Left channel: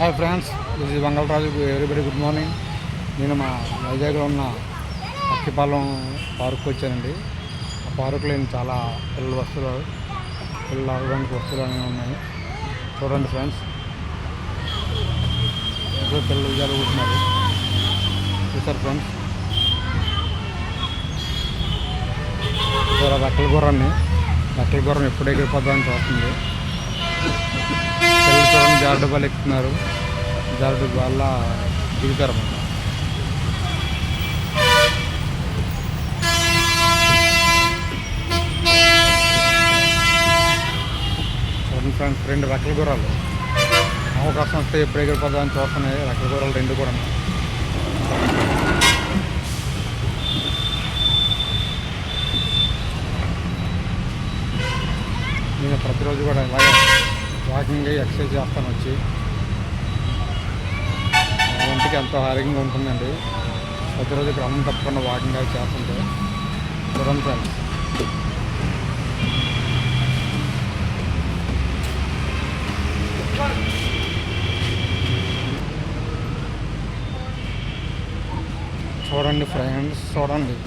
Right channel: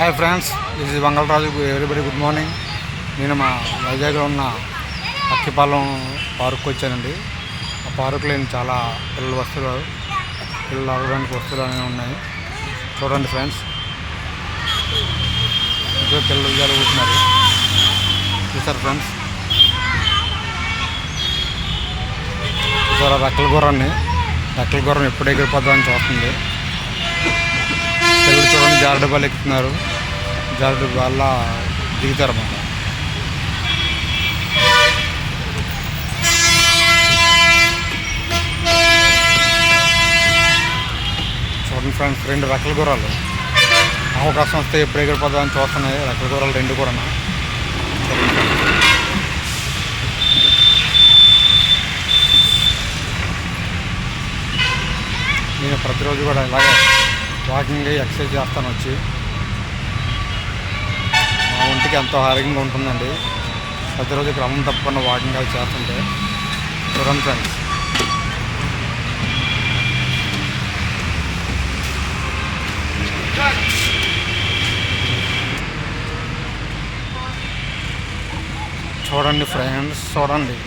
Hi friends, this is Mangalaraju. Everybody good morning. నేను మా వైజాగ్లో ఉన్న అక్కిపాలెం పార్క్కి వచ్చానండి. ఆ పార్కులో చాలా పిల్లలు ఆడడానికి వస్తువులు అనేవి ఉన్నాయి. చూడండి ఫ్రెండ్స్, ఇంకా పిల్లలు జరుగుతున్నారు. చూసారు ఫ్రెండ్స్, చూసారా రెక్కల గుర్రం ఎప్పుడు ఎగిరిపోద్దామని చూస్తుంది. పిల్లలు చూడండి, జారుడు బాల్ ఎక్కుతున్నారు. జారుడు బాల్ దిగుతారు అన్నమాట. చూడండి ఫ్రెండ్స్, 2 రెక్కల గుర్రాలు అవకాశం వస్తే ఎప్పుడు ఎగిరిపోద్దామని చూస్తున్నాయి. రెక్కల గుర్రాలు 2 కూడా. నేను ప్రతిరోజు కూడా ఇలాగే వాకింగ్ ఎక్సర్సైజ్ చేస్తాను. వచ్చి మా ఒంటికి ఎంతో ఆరోగ్యంగా ఉంటుందండి ప్రతిరోజు క్రమం తప్పకుండా వాకింగ్ అది చేస్తుంటే. చూడండి ఫ్రెండ్స్, చూడండి.